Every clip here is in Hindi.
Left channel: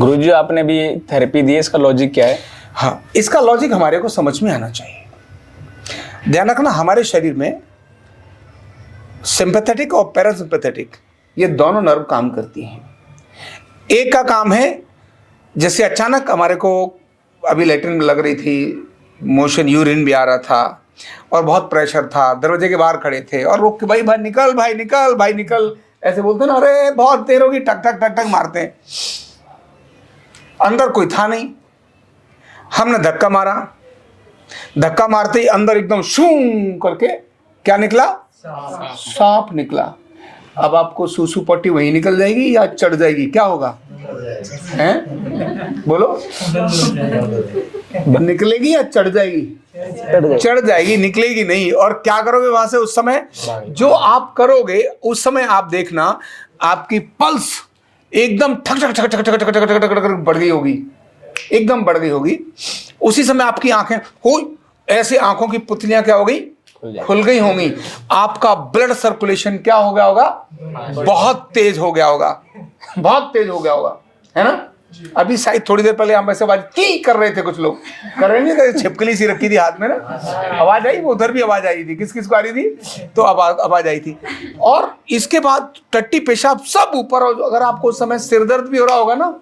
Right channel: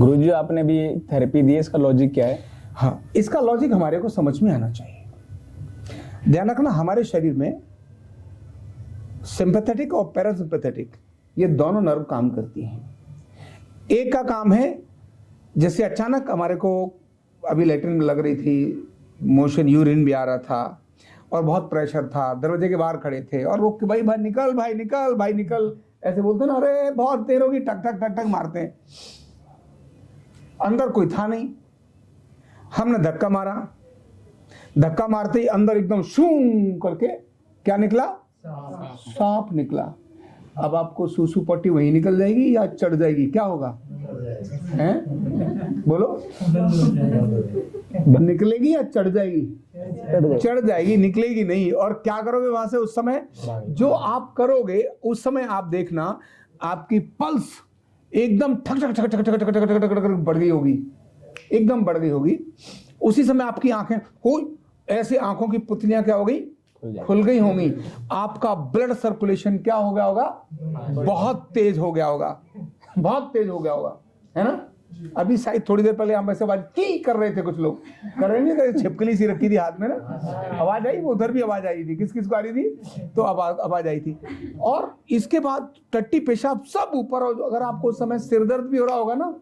गुरुजी आपने भी थेरेपी दी है, इसका लॉजिक क्या है? हाँ, इसका लॉजिक हमारे को समझ में आना चाहिए। ध्यान रखना, हमारे शरीर में सिंपैथेटिक और पैरासिम्पैथेटिक ये दोनों नर्व काम करती हैं। एक का काम है, जैसे अचानक हमारे को अभी लैट्रिन में लग रही थी, मोशन यूरिन भी आ रहा था और बहुत प्रेशर था, दरवाजे के बाहर खड़े थे और रोक के भाई भाई निकल, भाई निकल, भाई निकल, ऐसे बोलते ना, अरे बहुत देर होगी, टक टक टक टक मारते हैं। अंदर कोई था नहीं, हमने धक्का मारा, धक्का मारते ही अंदर एकदम शूं करके क्या निकला? सांप निकला। अब आपको सूसू पट्टी वहीं निकल जाएगी या चढ़ जाएगी? क्या होगा? हैं? बोलो, निकलेगी या चढ़ जाएगी? चढ़ जाएगी, निकलेगी नहीं। और क्या करोगे वहां से उस समय? जो आप करोगे उस समय आप देखना, आपकी पल्स एकदम ठक ठक ठक ठक ठक ठक ठक ठक ठक बढ़ गई होगी, एकदम बढ़ गई होगी। उसी समय आपकी आंखें हो ऐसे, आंखों की पुतलियां क्या हो गई? खुल गई होंगी। आपका ब्लड सर्कुलेशन क्या हो गया होगा? बहुत तेज हो गया होगा, बहुत तेज हो गया होगा, है ना? अभी शायद थोड़ी देर पहले हम ऐसे आवाज की कर रहे थे, कुछ लोग कर रहे नहीं, छिपकली सी रखी थी हाथ में ना, आवाज आई, वो उधर भी आवाज आई थी, किस किस को आ रही थी? तो आवाज आई थी। और इसके बाद टट्टी पेशाब सब ऊपर। अगर आपको उस समय सिर दर्द भी हो रहा होगा ना,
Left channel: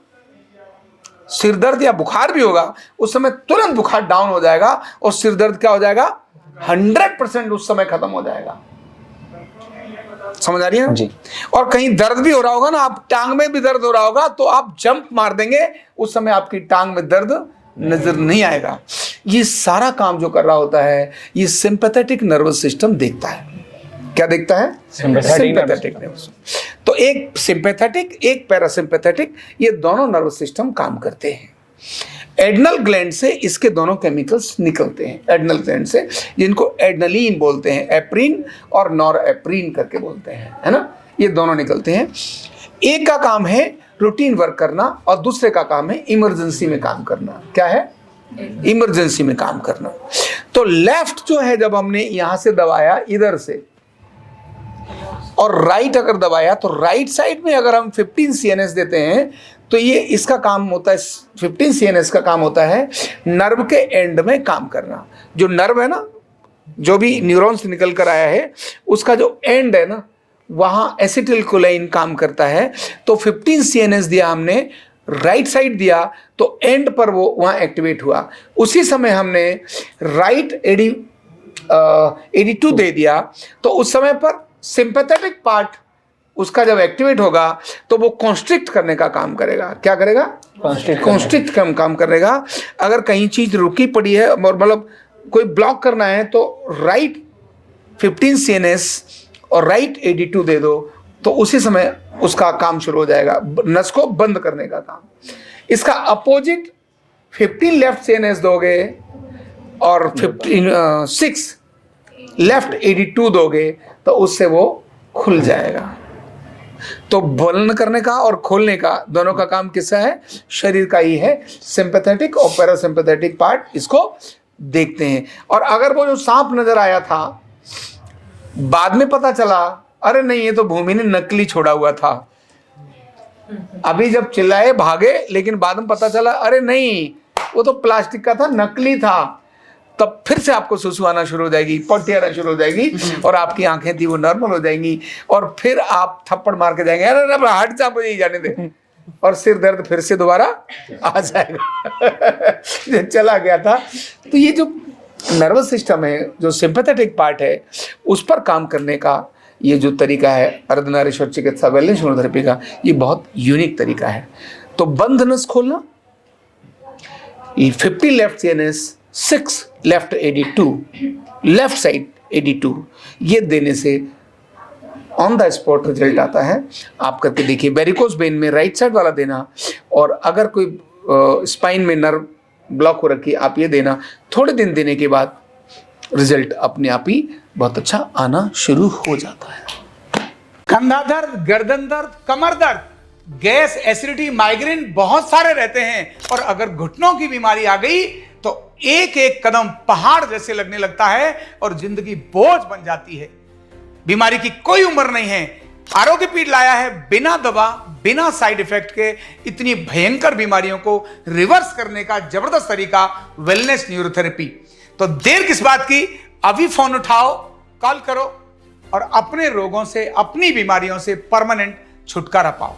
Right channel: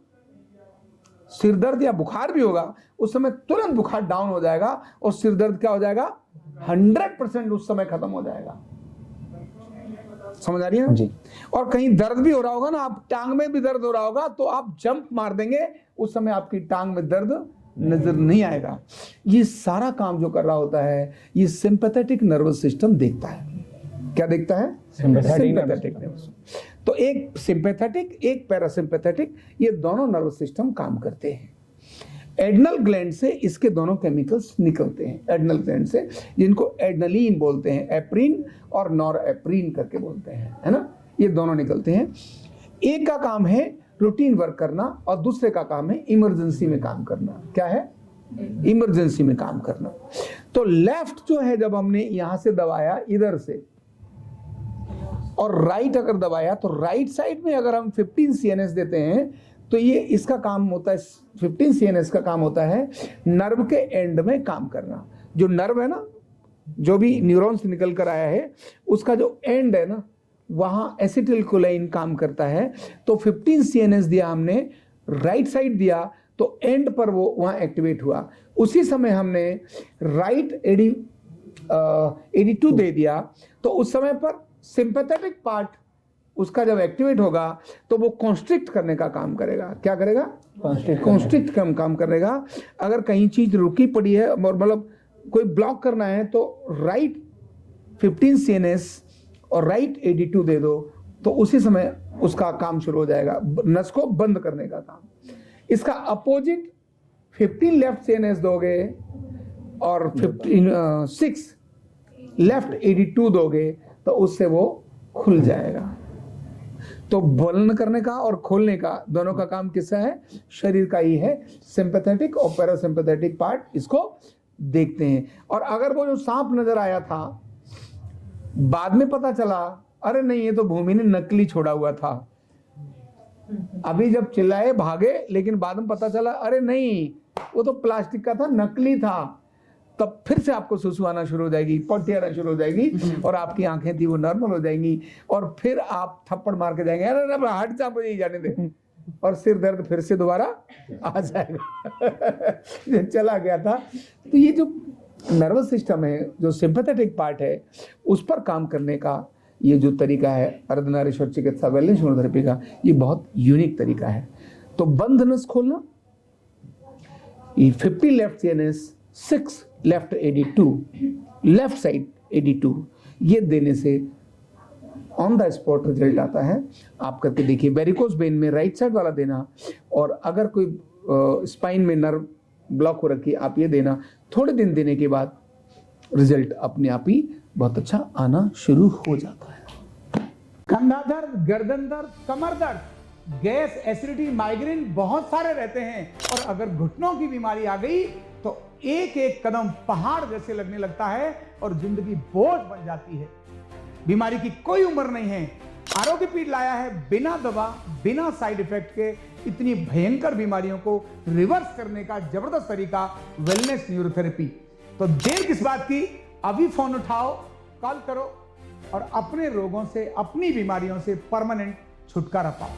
सिर दर्द या बुखार भी होगा, उस समय तुरंत बुखार डाउन हो जाएगा और सिर दर्द क्या हो जाएगा? 100% उस समय खत्म हो जाएगा। समझ आ रही है ना जी। और कहीं दर्द भी हो रहा होगा ना, आप टांग में भी दर्द हो रहा होगा तो आप जंप मार देंगे, उस समय आपकी टांग में दर्द नजर नहीं आएगा। ये सारा काम जो कर रहा होता है, ये सिंपैथेटिक नर्वस सिस्टम देखता है। क्या देखता है? Sympathetic nervous. तो एक सिंपैथेटिक, एक पैरासिम्पैथेटिक, ये दोनों नर्वस सिस्टम काम करते हैं। एड्रनल ग्लैंड से इसके दोनों केमिकल्स निकलते हैं, एड्रनल ग्लैंड से, जिनको एड्रेनलिन बोलते हैं, एप्रिन और नॉरएप्रिन करके बोलते हैं, है ना? ये दोनों निकलते हैं। एक का काम है रूटीन वर्क करना और दूसरे का काम है इमरजेंसी में काम करना। क्या है? इमरजेंसी में काम करना। तो लेफ्ट जो है, जब हमने यहां से दबाया इधर से और राइट अगर दबाया, तो राइट साइड में अगर हम 15 CNS देते हैं तो ये इसका काम होता है, 15 CNS का काम होता है नर्व के एंड में काम करना। जो नर्व है ना, जो भी न्यूरॉन्स निकल कर आया है, उसका जो एंड है ना, वहां एसिटिलकोलाइन काम करता है। तो 15 CNS दिया हमने, राइट साइड दिया, तो एंड पर वो वहां एक्टिवेट हुआ। उसी समय हमने राइट AD2 दे दिया, तो उस समय पर सिंपैथेटिक पार्ट उसका जब एक्टिवेट होगा तो वो कॉन्स्ट्रिक्ट करने का काम करेगा। क्या करेगा? कॉन्स्ट्रिक्ट काम करेगा। अगर कहीं चीज रुकी पड़ी है और मतलब कोई ब्लॉक करना है, तो राइट 15 CNS और राइट AD2 दे दो, तो उसी समय उसका काम शुरू हो जाएगा, नस को बंद करने का काम। इसका अपोजिट 15 लेफ्ट CNS दोगे और 6 लेफ्ट AD2 दोगे, तो उससे वो खुल जाएगा। तो बंद करने का और खोलने का दोनों का काम किसका है? शरीर का ही है। सिंपैथेटिक और पैरासिम्पैथेटिक पार्ट इसको देखते हैं। और अगर वो जो सांप नजर आया था, बाद में पता चला अरे नहीं, ये तो भूमि ने नकली छोड़ा हुआ था, अभी जब चिल्लाए भागे, लेकिन बाद में पता चला अरे नहीं, वो तो प्लास्टिक का था, नकली था, तब फिर से आपको सुसु आना शुरू हो जाएगी, पट्टी आना शुरू हो जाएगी और आपकी आंखें थी वो नॉर्मल हो जाएंगी और फिर आप थप्पड़ मार के जाएंगे, अरे हट जा, मुझे ही जाने दे, और सिर दर्द फिर से दोबारा आ जाएगा चला गया था। तो ये जो नर्वस सिस्टम है, जो सिंपैथेटिक पार्ट है, उस पर काम करने का ये जो तरीका है अर्धनारीश्वर चिकित्सा वेलनेस इम्यूनोथेरेपी का, ये बहुत यूनिक तरीका है। तो बंद नस खोलना, 50 left CNS, 6 left AD2, left side AD2, ये देने से ऑन द स्पॉट रिजल्ट आता है। आप करके देखिए। वेरिकोज वेन में राइट साइड वाला देना, और अगर कोई स्पाइन में नर्व ब्लॉक हो रखी है, आप ये देना। थोड़े दिन देने के बाद रिजल्ट अपने आप ही बहुत अच्छा आना शुरू हो जाता है। कंधा दर्द, गर्दन दर्द, कमर दर्द, गैस, एसिडिटी, माइग्रेन बहुत सारे रहते हैं, और अगर घुटनों की बीमारी आ गई तो एक एक कदम पहाड़ जैसे लगने लगता है और जिंदगी बोझ बन जाती है। बीमारी की कोई उम्र नहीं है, आरोग्य पीठ लाया है बिना दवा, बिना साइड इफेक्ट के इतनी भयंकर बीमारियों को रिवर्स करने का जबरदस्त तरीका, वेलनेस न्यूरोथेरेपी। तो देर किस बात की, अभी फोन उठाओ, कॉल करो और अपने रोगों से, अपनी बीमारियों से परमानेंट छुटकारा पाओ।